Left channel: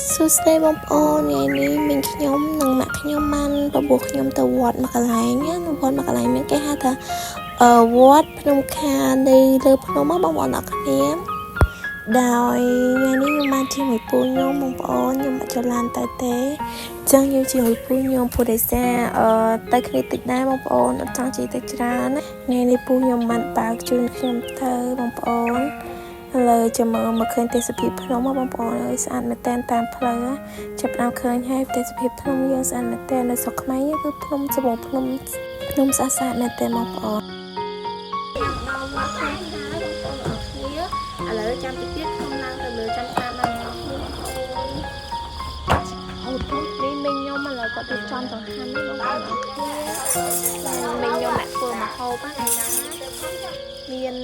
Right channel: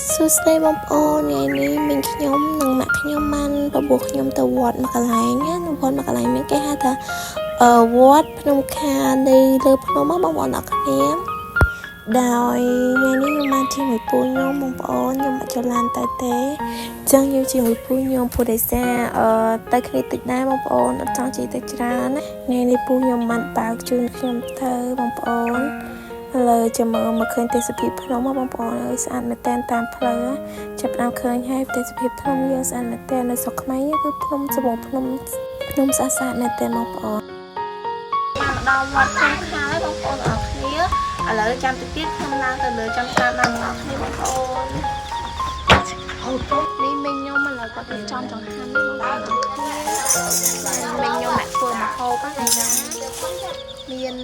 សួស្តីបងប្អូនថ្ងៃនេះមីងខ្ញុំនិងម៉ាក់ខ្ញុំបានបបួលខ្ញុំទៅវត្តមួយកន្លែងណាវត្តមួយកន្លែងហ្នឹងគេហៅថាវត្តភ្នំខានៅលើភ្នំបងប្អូនអរគ្នាដោយថ្ងៃនេះខ្ញុំបានជាមួយពូខ្ញុំបងប្អូនខ្ញុំអត់ចូលឡានទៅទេអញ្ចឹងខ្ញុំជាមួយពូខ្ញុំពូដេសាទៅគ្នាតិចដែរបងប្អូនអត់ចង់ជិះទៅច្រើនណាថ្ងៃនេះពូខ្ញុំបានបើកជូនខ្ញុំទៅបងប្អូនឥឡូវចាំមកឃើញទេសភាពភ្នំបងប្អូនហើយស្អាតមែនតែនតាមផ្លូវចាប់ដល់ឃើញហើយទេសភាពភ្នំយើងស្អាតមែនតែននៅស្រុកខ្មែរគឺភ្នំស្បងភ្នំស្អាតមែនតែនបងប្អូនបានដល់វត្តខាងហើយបងប្អូនអរគ្នាឥឡូវចាំតិចទៀតខ្ញុំឡើងទៅលើចាំស្ដាប់ដល់បងប្អូនបងប្អូននេះមីងខ្ញុំឥឡូវគាត់រៀបចំចង្ហាន់នេះបងប្អូនអរគ្នាមីងខ្ញុំអ្នកធ្វើម្ហូបហ្នឹងឯណាមាន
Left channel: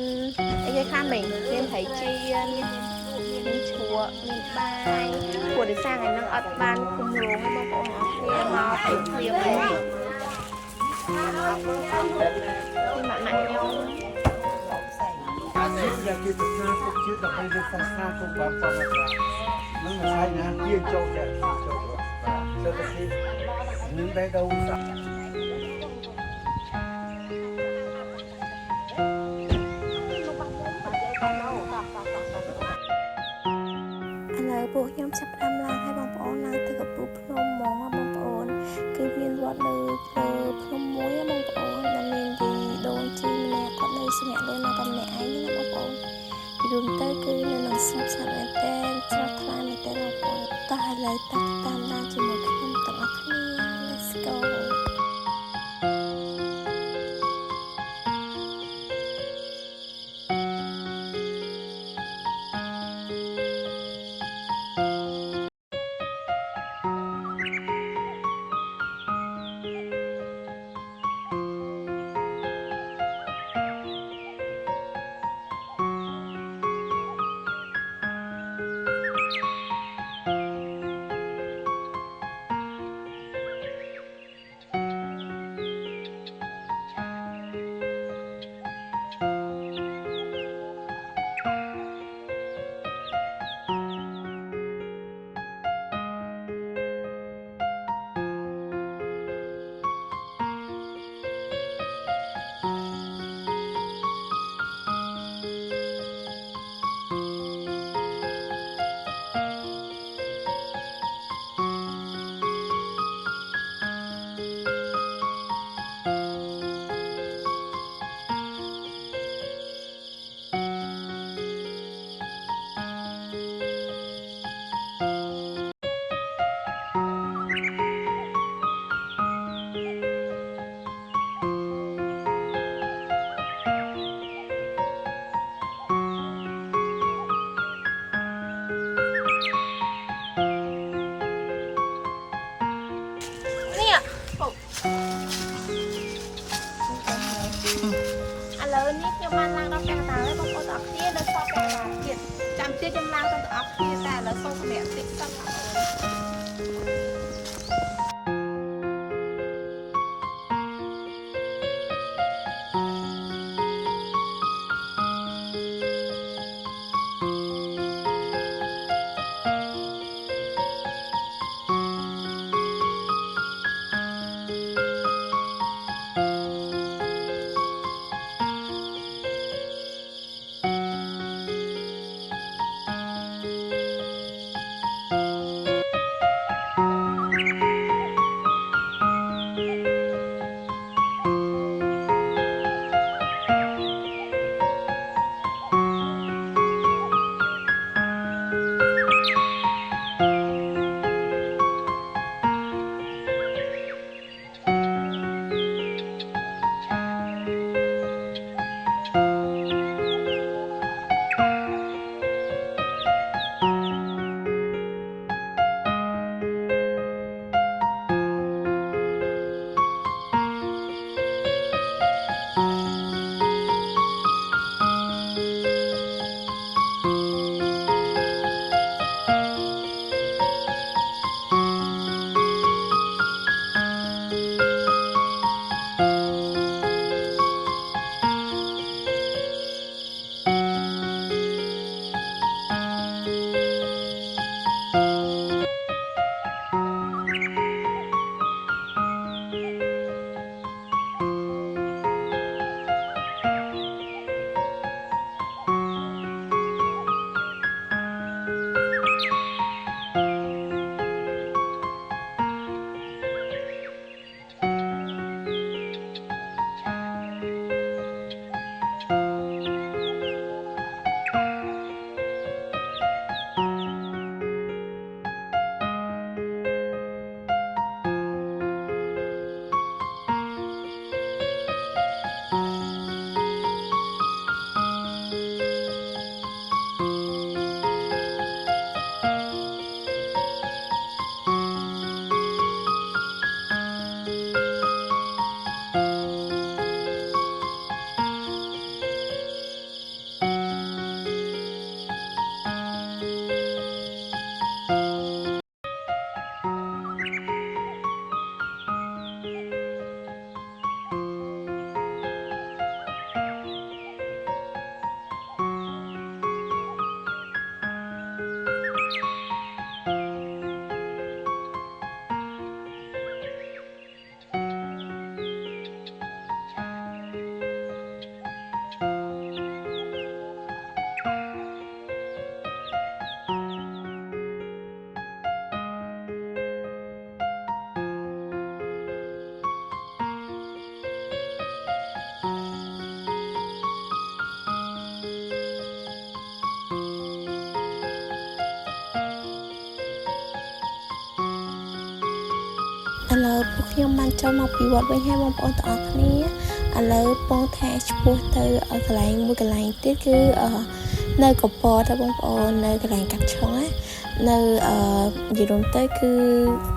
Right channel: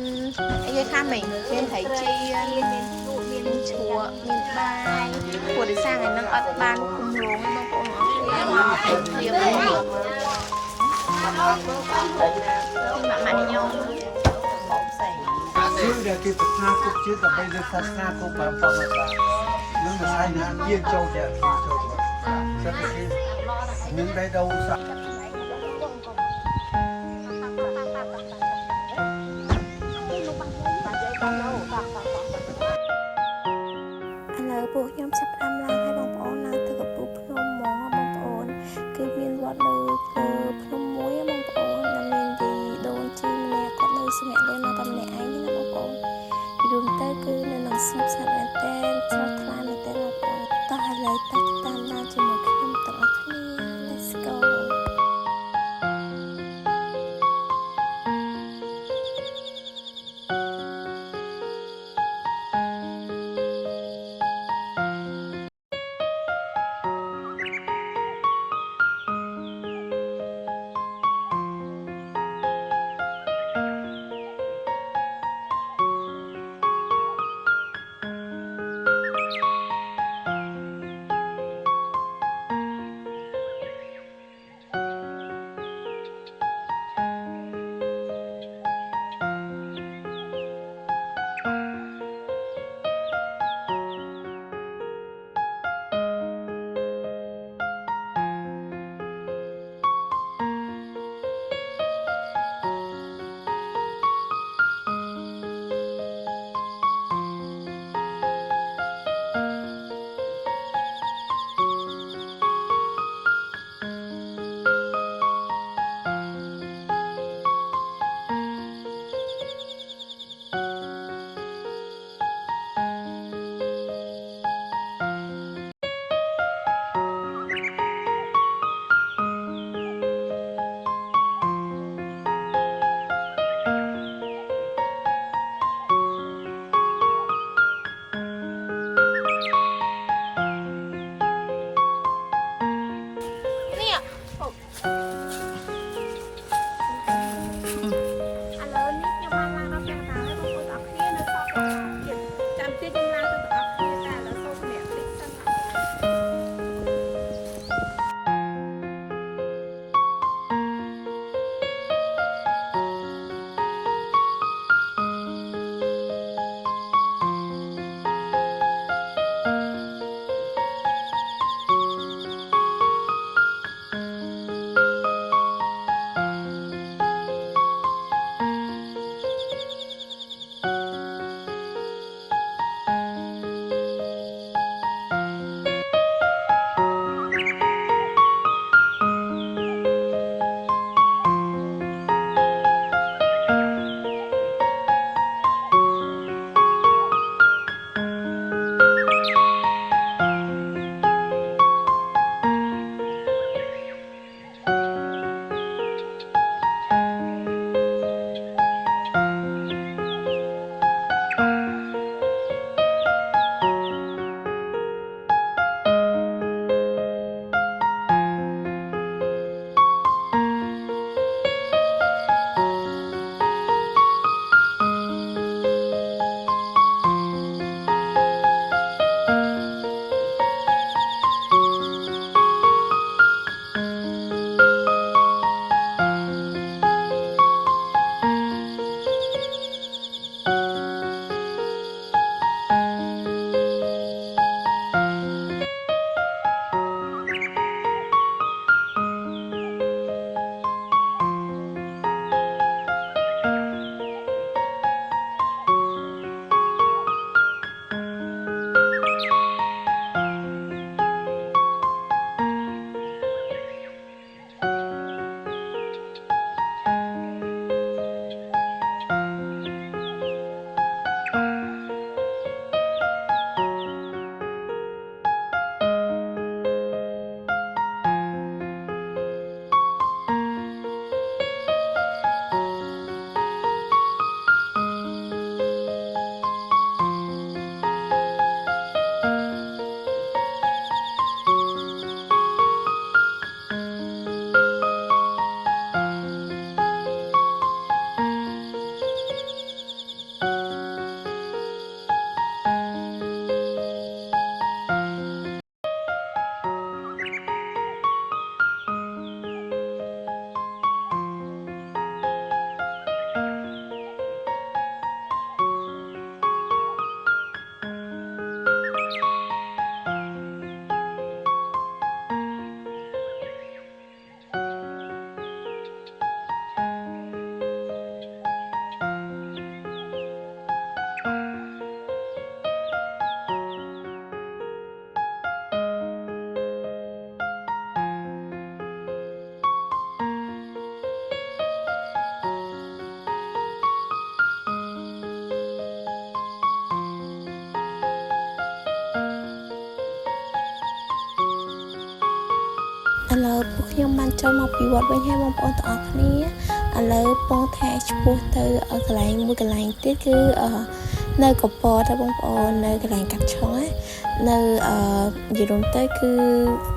អីគេខ្លះមីងមានត្រីចៀនមានជ្រក់មានបាយព្រោះដោយសារថ្ងៃហ្នឹងអត់បានគម្រោងទេបងប្អូនអរគ្នាមកពេកព្រាមនេះម៉ាក់ខ្ញុំជាគេប្រាថ្នាគុកជាតិដើម្បីលើសាសនាគុកបានផងនឹងមិនស្អីណាជាចូលតែចូលសិតតែគេនឹងដែរđâuឥឡូវពួកខ្ញុំចាប់ផ្ដើមឡើងឲ្យបងប្អូនឡើងទៅកំពូលភ្នំហ្មងបងប្អូនគឺមានវត្តនៅភ្នំមួយបងប្អូនដែលមានទីដូនជីម្នាក់គាត់នៅស្នាក់នៅតែម្នាក់ឯងណាបងប្អូនពីរួមទៅគឺនៅនឹងស្ងប់ស្ងាត់មែនតើស្រស់ថ្លាមែនតើបងប្អូនតោះឥឡូវតាមដានជាមួយខ្ញុំទាំងអស់គ្នា Let's go ឥឡូវពួកខ្ញុំបានចូលមកពីវត្តវិញហើយបងប្អូនទាំងអស់គ្នាឥឡូវពងថាឆ្ពោះទៅកន្លែងមួយកន្លែងទៀតគឺនៅកពតបងប្អូននៅកន្លែងកាត់ឆុងណានៅនិយាយរួមទៅគឺ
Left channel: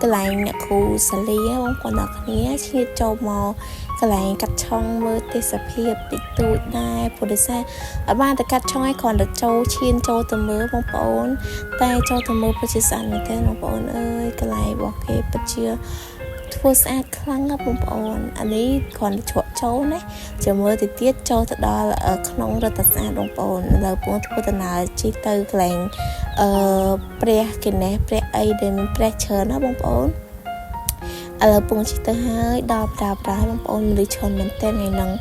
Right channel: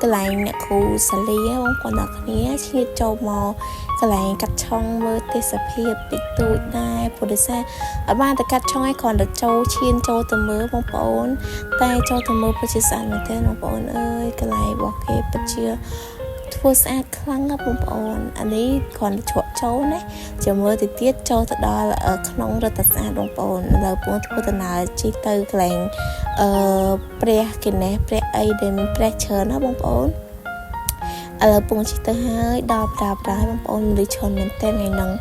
កន្លែងអ្នកគ្រូសាលីបងប្អូនទាំងអស់គ្នាឈៀតចូលមកកន្លែងកាត់ឆុងមើលទេសភាពតិចតួចដែរព្រោះដោយសារអត់បានទៅកាត់ឆុងឯងគ្រាន់តែចូលឈានចូលទៅមើលបងប្អូនតែចូលទៅមើលពិតជាស្អាតមែនទែនបងប្អូនអើយកន្លែងរបស់គេពិតជាធ្វើស្អាតខ្លាំងណាស់បងប្អូនអានេះគ្រាន់តែជ្រក់ចូលណាចាំមើលទៅទៀតចូលទៅដល់ក្នុងរដ្ឋស្អាតបងប្អូនឥឡូវពងធ្វើដំណើរជិះទៅកន្លែងព្រះគេណេះព្រះអីដែលមានព្រះច្រើនណាបងប្អូនឥឡូវពងជិះទៅហើយដល់ប្រាបងប្អូនមនុស្សច្រើនមែនតើថ្ងៃហ្នឹង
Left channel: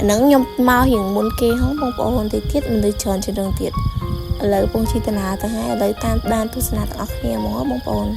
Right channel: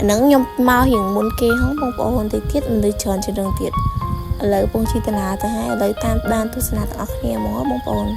ខ្ញុំមករៀងមុនគេហងបងប្អូនទៅទៀតមនុស្សច្រើនជាងនឹងទៀតឥឡូវពងជិះដំណើរទៅហើយឥឡូវតាមដានទស្សនាទាំងអស់គ្នាហ្មងបងប្អូន